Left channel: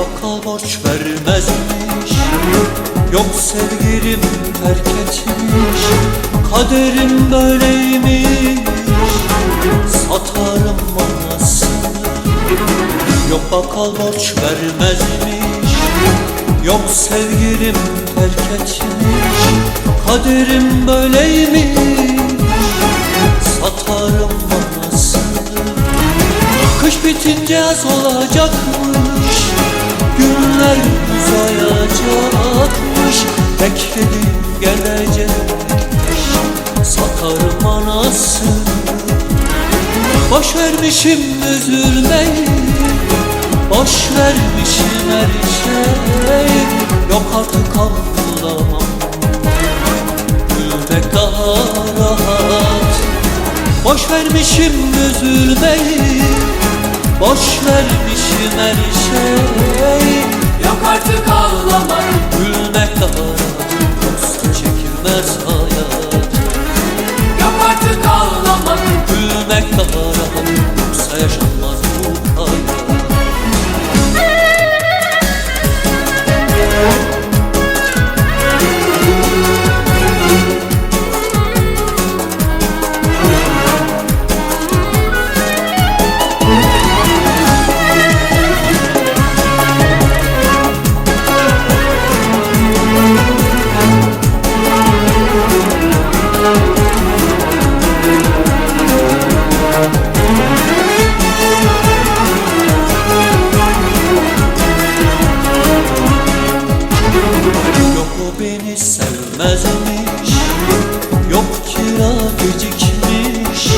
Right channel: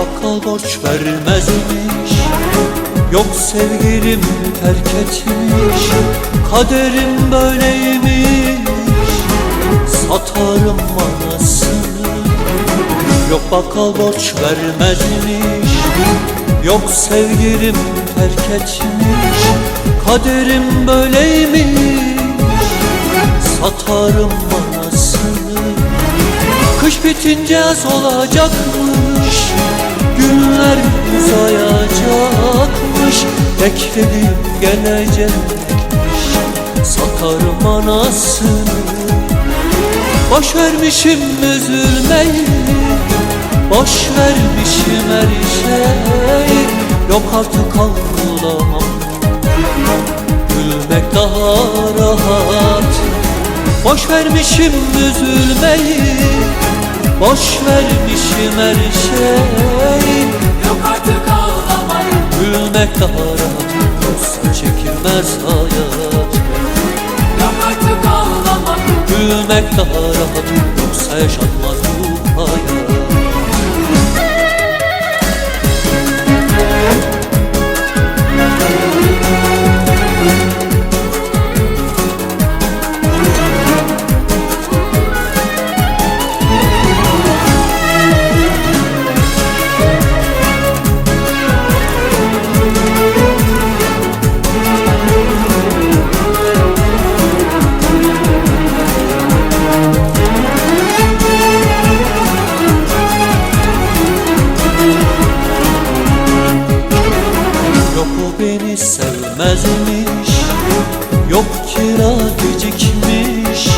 bakkal borç vermezmiş, yok sevgilim terk etmiş. Kaderim böyleymiş, satarım manasını. Yok bakkal borç vermezmiş, yok sevgilim terk etmiş. Kaderim böyleymiş, satarım manasını. Kış bitince yaz olacakmış, günler uzayacakmış. Beklediğim gelecekmiş, satarım anasını. Boş vermişim üzülmeyi, boş vermişim her şeyi. Yok artık ağlamam, gülmek daha rahat. Boş vermişim üzülmeyi, boş vermişim her şeyi. Yok artık ağlamam, Gülmek daha rahat, yoksa çekilmez hayat. yok artık ağlamam, Gülmek daha rahat, yoksa yaşanmaz bu hayat. Yok o beni sevmezmiş, yok kira gecikmiş.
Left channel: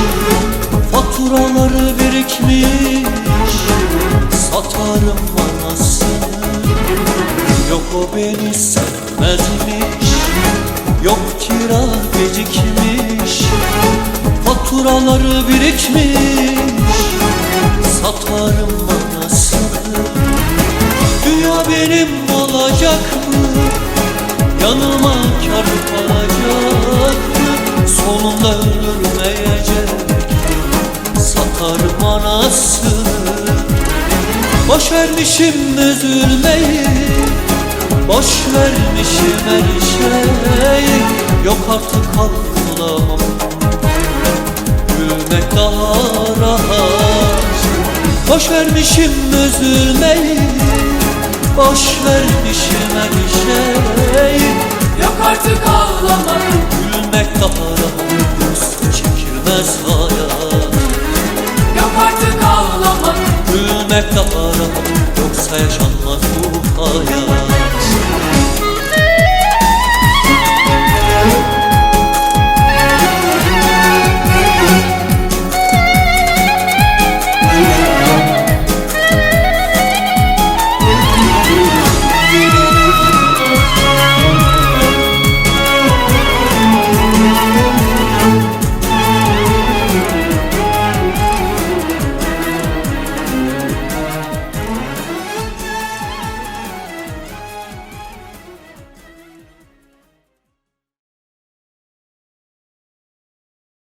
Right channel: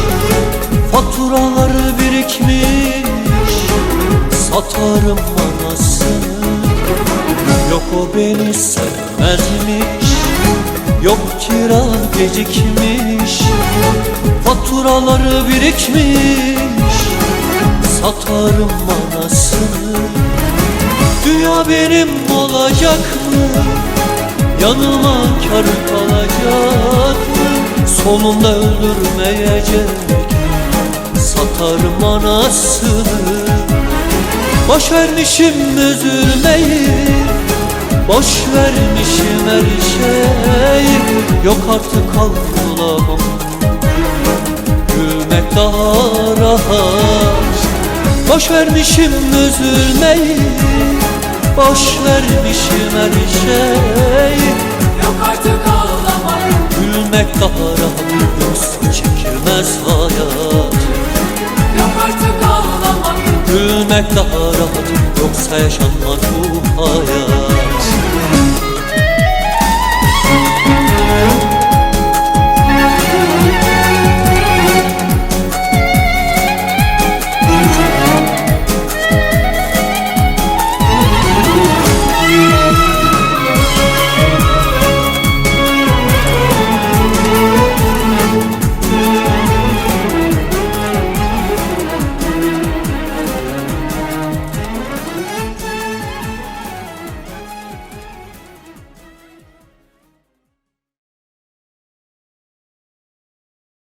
Faturaları birikmiş, satarım manasını. Yok o beni sevmezmiş, yok kira gecikmiş. Faturaları birikmiş, satarım manasını. Dünya benim olacak mı? Yanıma kar kalacak mı? Sonunda öldürmeyecek mi? Satarım anasını. Boş vermişim üzülmeyi, boş vermişim her şeyi. Yok artık ağlamam, gülmek daha rahat. Boş vermişim üzülmeyi, boş vermişim her şeyi. yok artık ağlamam, Gülmek daha rahat, yoksa çekilmez hayat. yok artık ağlamam, Gülmek daha rahat, yoksa yaşanmaz bu hayat.